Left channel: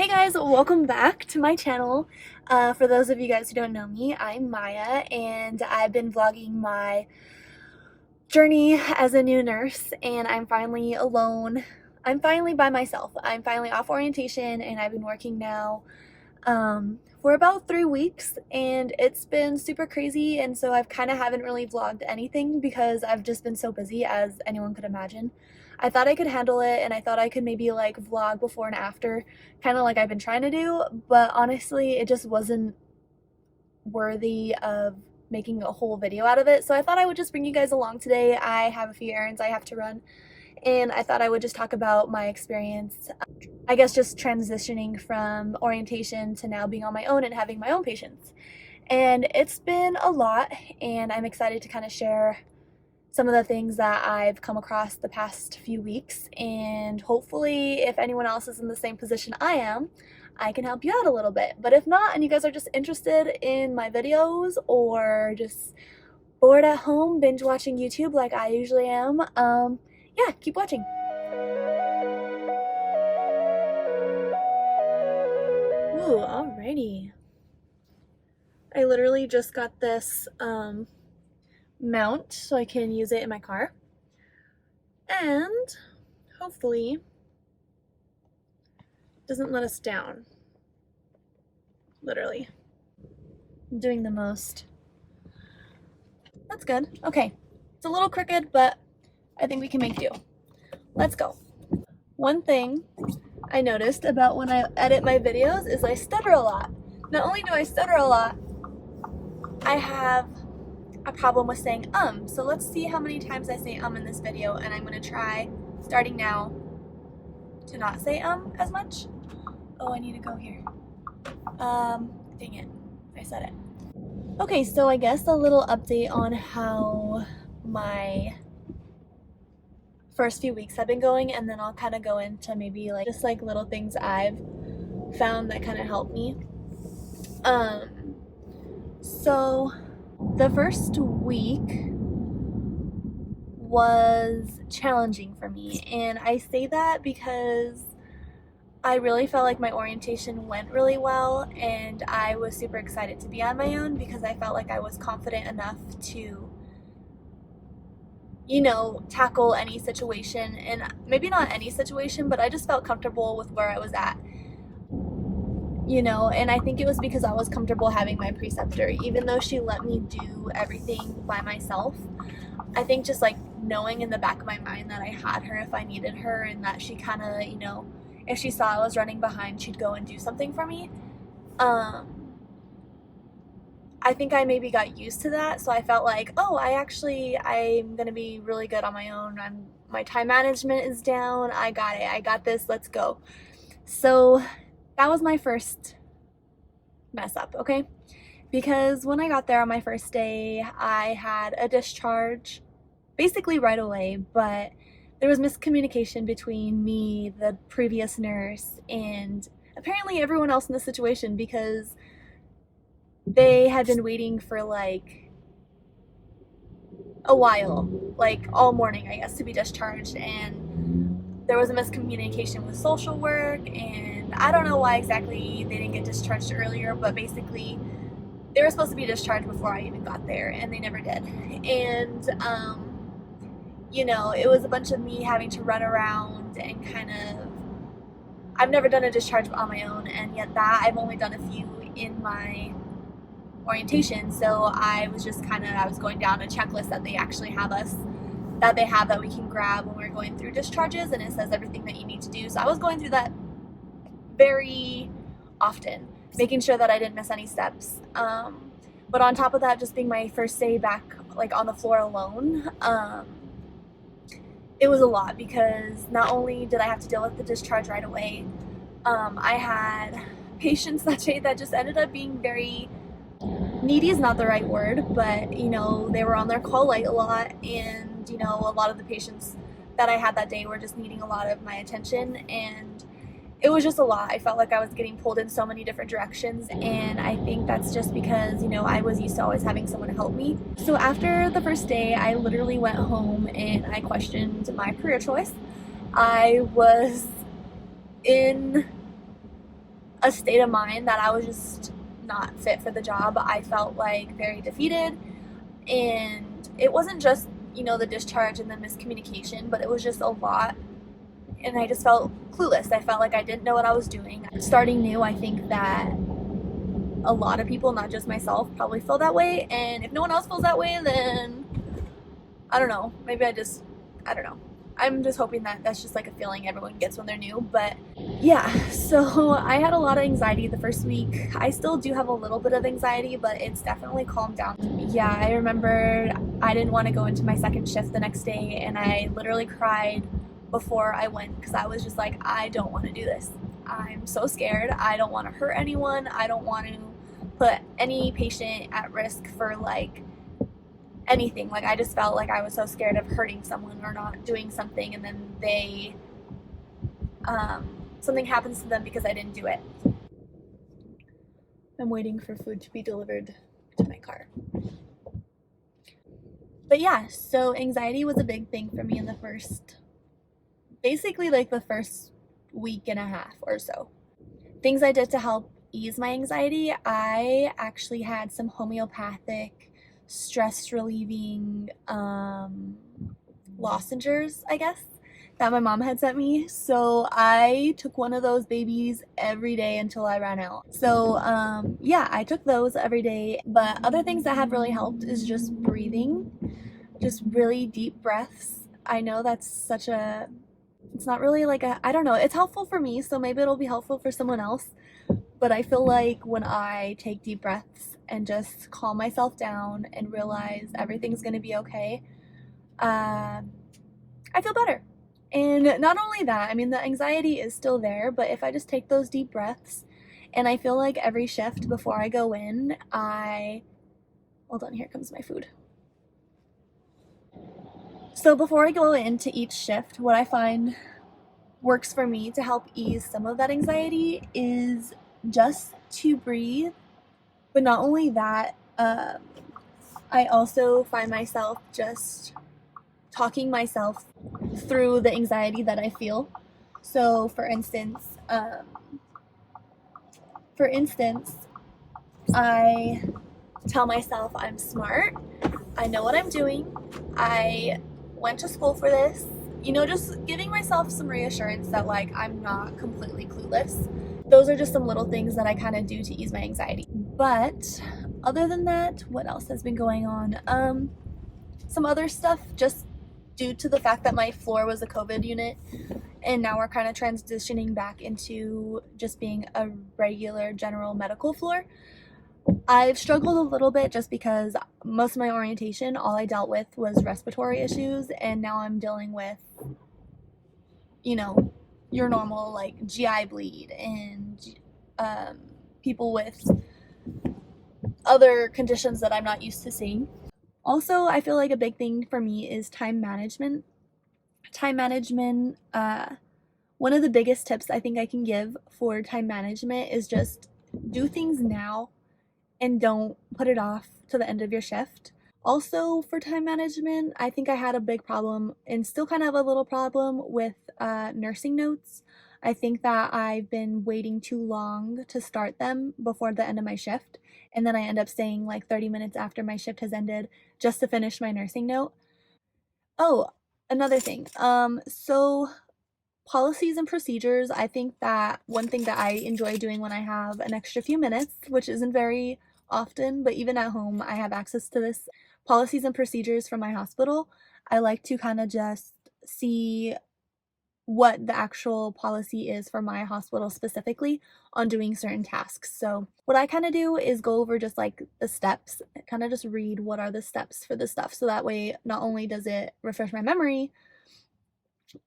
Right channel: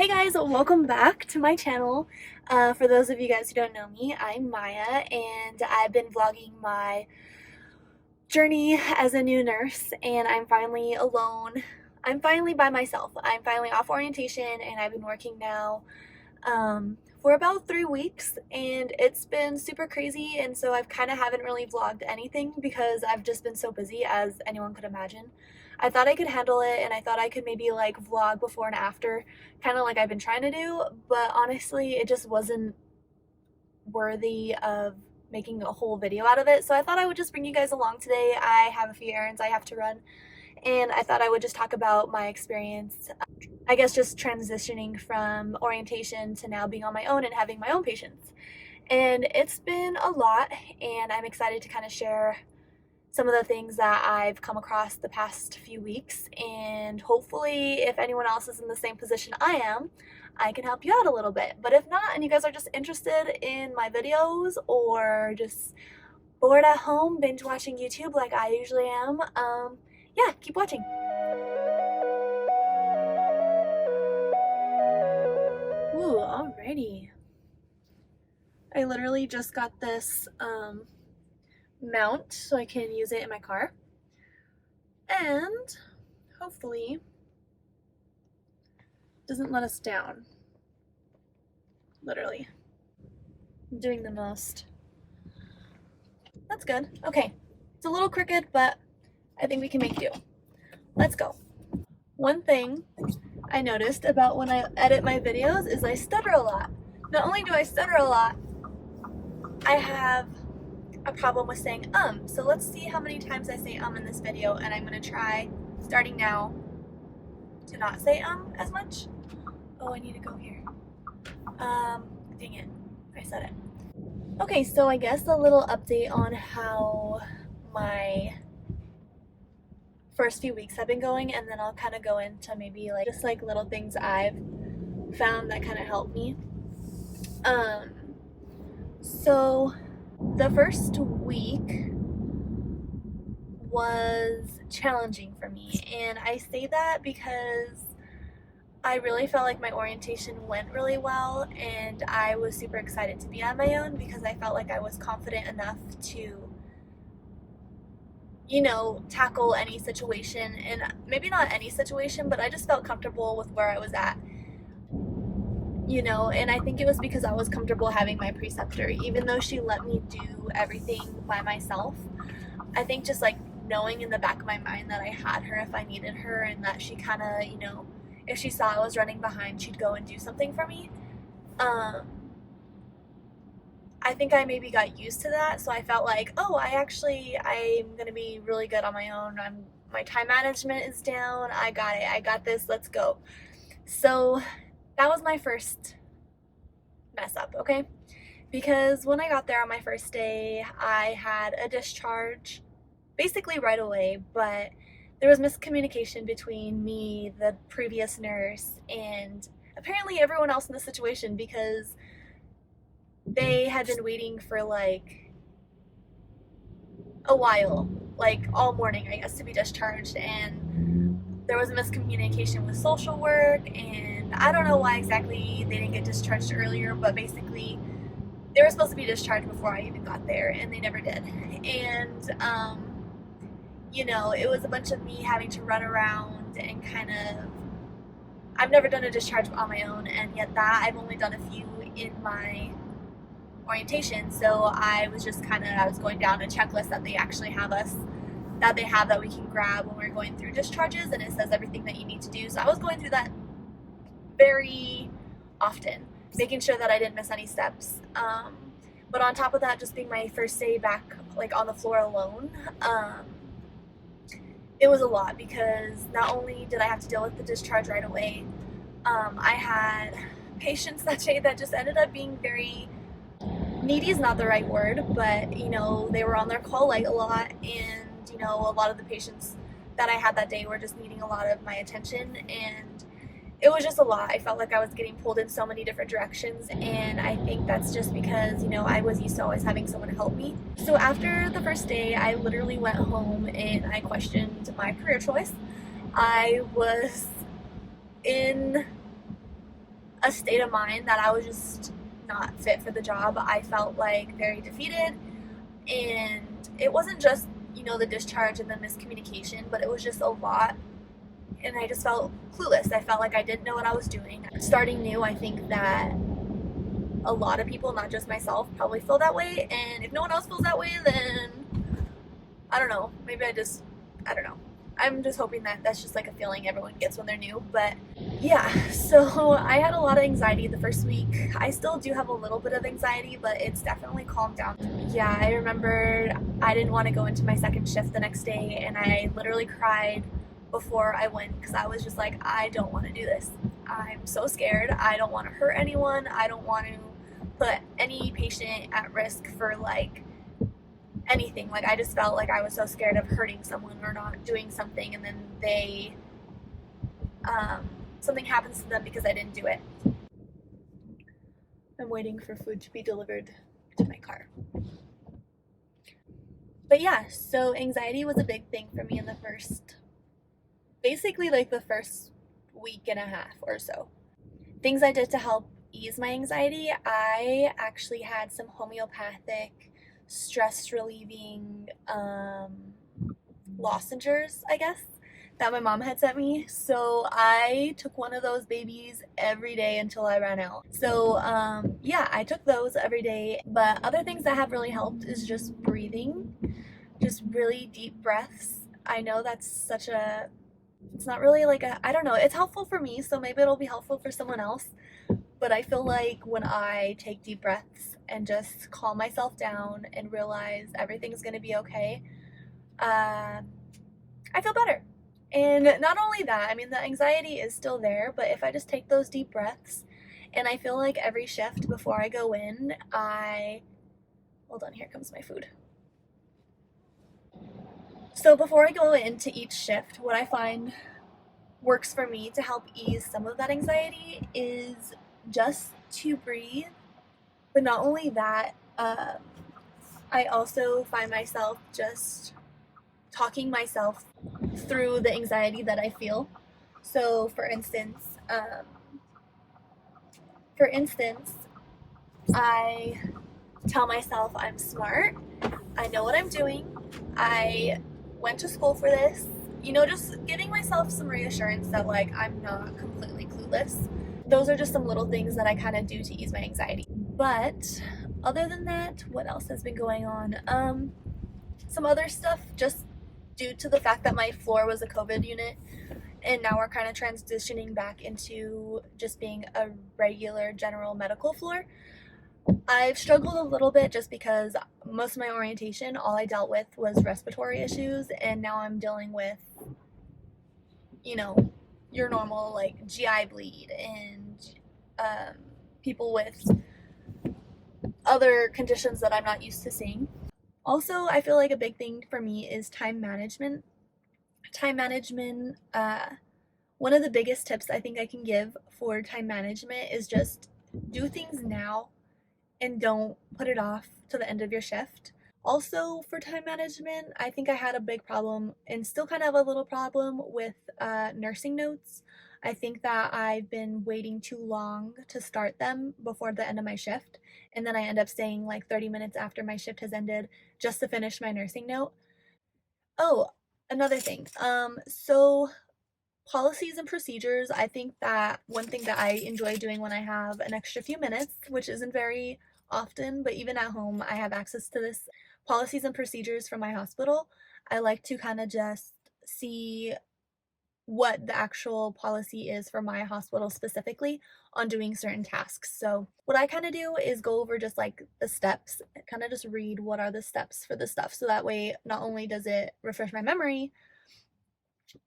Hey guys, welcome back to my channel. For those of you guys who don't know me, I'm Maya and I've been vlogging my journey as a new nurse, and I'm finally alone. I'm finally by myself. I'm finally off orientation and I've been working now for about 3 weeks, and it's been super crazy, and so I've kind of haven't really vlogged anything because I've just been so busy, as anyone could imagine. I thought I could handle it, and I thought I could maybe like vlog before and after, kind of like I've been trying to do, but honestly it just wasn't worthy of making a whole video out of it. So I thought I would just bring you guys along today. I have a few errands I have to run, and I thought I would just talk about my experience, I guess, just transitioning from orientation to now being on my own and having my own patients. And it's been a lot, and I'm excited to kind of share some of the things that I've come across the past few weeks, and hopefully if anyone else is in the same position I am, I can help you out a little bit. But if not, and you guys are just interested in my videos or just bored at home binge watching YouTube like I usually am, yeah, keep watching. Ooh, alrighty. I literally just got this mount so I can use it in my car, and hopefully it doesn't let us down. Literally. I'm doing the most. That's good. Okay. It's a little crooked, but I think we can make do. Let's go. One thing I noticed about when I edit my videos is I stutter a lot. Not only do I stutter a lot, I have a problem with saying so let's see how many times I say in this video, and I'm gonna try, starting now, to not say as much. Oh, I need to go here. Dang it, I said it. Okay, so I guess a little update on how my first few weeks have been going, and then I'll kind of go into maybe like just like little things I've found that kind of helped me. So the first week was challenging for me, and I say that because I really felt like my orientation went really well, and I was super excited to be on my own because I felt like I was confident enough to, you know, tackle any situation. And maybe not any situation, but I just felt comfortable with where I was at, you know. And I think it was because I was comfortable having my preceptor, even though she let me do everything by myself. I think just like knowing in the back of my mind that I had her if I needed her, and that she kind of, you know, if she saw I was running behind, she'd go and do something for me. I think I maybe got used to that, so I felt like, oh, I'm gonna be really good on my own. My time management is down. I got it. I got this. Let's go. So that was my first mess up, okay? Because when I got there on my first day, I had a discharge basically right away, but there was miscommunication between me, the previous nurse, and apparently everyone else in the situation, because they had been waiting for like a while, like all morning, I guess, to be discharged, and there was a miscommunication with social work, and I don't know why exactly they didn't get discharged earlier, but basically they were supposed to be discharged before I even got there, and they never did. And you know, it was a bunch of me having to run around and kind of, I've never done a discharge on my own, and yet that I've only done a few in my orientation. So I was just I was going down a checklist that they actually have that we can grab when we're going through discharges, and it says everything that you need to do. So I was going through that very often, making sure that I didn't miss any steps. But on top of that, just being my first day back like on the floor alone, it was a lot, because not only did I have to deal with the discharge right away, I had patients that day that just ended up being very needy, is not the right word, but you know, they were on their call light a lot, and you know, a lot of the patients that I had that day were just needing a lot of my attention, and it was just a lot. I felt like I was getting pulled in so many different directions, and I think that's just because, you know, I was used to always having someone to help me. So after the first day, I literally went home and I questioned my career choice. I was in a state of mind that I was just not fit for the job. I felt like very defeated, and it wasn't just, you know, the discharge and the miscommunication, but it was just a lot, and I just felt clueless. I felt like I didn't know what I was doing. Starting new, I think that a lot of people, not just myself, probably feel that way, and if no one else feels that way, then I don't know, maybe I don't know. I'm just hoping that that's just like a feeling everyone gets when they're new. But yeah, so I had a lot of anxiety the first week. I still do have a little bit of anxiety, but it's definitely calmed down. Yeah, I remembered I didn't want to go into my second shift the next day, and I literally cried before I went because I was just like, I don't want to do this. I'm so scared. I don't want to hurt anyone. I don't want to put any patient at risk for like anything. Like, I just felt like I was so scared of hurting someone or not doing something, and then they something happens to them because I didn't do it. I'm waiting for food to be delivered to my car. But yeah, so anxiety was a big thing for me in the first, basically like the first week and a half or so. Things I did to help ease my anxiety: I actually had some homeopathic stress relieving lozenges, I guess, that my mom had sent me. So I took one of those babies every day until I ran out. So yeah, I took those every day. But other things that have really helped is just breathing, just really deep breaths. I know that's such a, it's not really like a, I don't know, it's helpful for me, so maybe it'll be helpful for someone else. But I feel like when I take deep breaths and just calm myself down and realize everything's gonna be okay, I feel better. And not only that, I mean, the anxiety is still there, but if I just take those deep breaths, and I feel like every shift before I go in, hold on, here comes my food. So before I go into each shift, what I find works for me to help ease some of that anxiety is just to breathe. But not only that, I also find myself just talking myself through the anxiety that I feel. So, for instance, I tell myself I'm smart. I know what I'm doing. I went to school for this. You know, just giving myself some reassurance that like I'm not completely clueless. Those are just some little things that I kind of do to ease my anxiety. But other than that, what else has been going on? Some other stuff, just due to the fact that my floor was a COVID unit, and now we're kind of transitioning back into just being a regular general medical floor. I've struggled a little bit just because most of my orientation, all I dealt with was respiratory issues, and now I'm dealing with, you know, your normal like GI bleed and people with other conditions that I'm not used to seeing. Also, I feel like a big thing for me is time management. Time management, one of the biggest tips I think I can give for time management is just do things now and don't put it off to the end of your shift. Also, for time management, I think I had a big problem and still kind of a little problem with nursing notes. I think that I've been waiting too long to start them before the end of my shift, and then I end up staying like 30 minutes after my shift has ended just to finish my nursing note. Oh, another thing. So policies and procedures, I think that one thing that I enjoy doing when I have an extra few minutes, which isn't very often, but even at home, I have access to this policies and procedures from my hospital. I like to kind of just see what the actual policy is for my hospital specifically on doing certain tasks. So, what I kind of do is go over just like the steps, kind of just read what are the steps for the stuff. So that way, not only does it refresh my memory,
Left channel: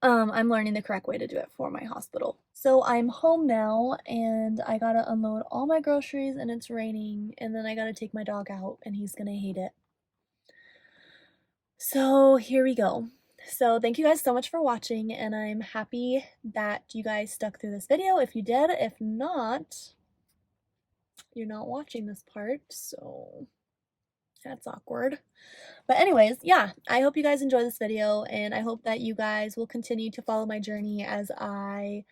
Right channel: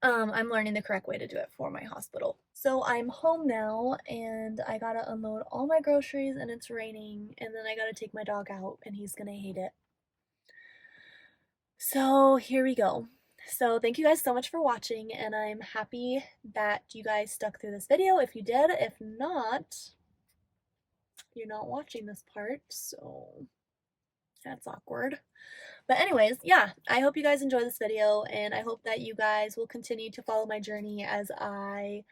I'm learning the correct way to do it for my hospital. So I'm home now and I gotta unload all my groceries and it's raining, and then I gotta take my dog out and he's gonna hate it. So here we go. So thank you guys so much for watching, and I'm happy that you guys stuck through this video. If you did, if not, you're not watching this part, so that's awkward. But anyways, yeah, I hope you guys enjoy this video, and I hope that you guys will continue to follow my journey as I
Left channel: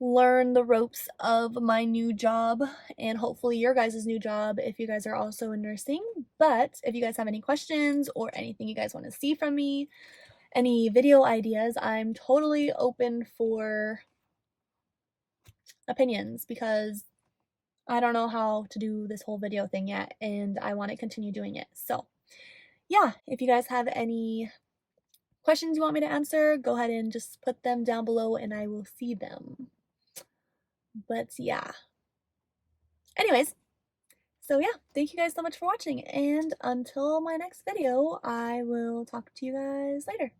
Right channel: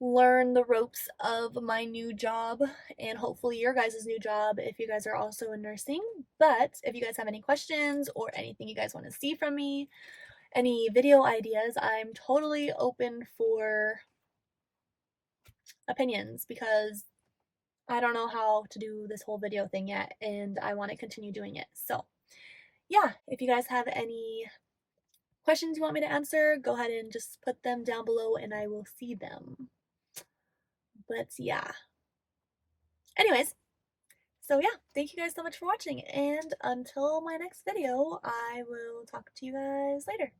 learn the ropes of my new job and hopefully your guys' new job if you guys are also in nursing. But if you guys have any questions or anything you guys want to see from me, any video ideas, I'm totally open for opinions because I don't know how to do this whole video thing yet and I want to continue doing it. So, yeah, if you guys have any questions you want me to answer, go ahead and just put them down below and I will see them. But yeah. Anyways, so yeah, thank you guys so much for watching and until my next video, I will talk to you guys later.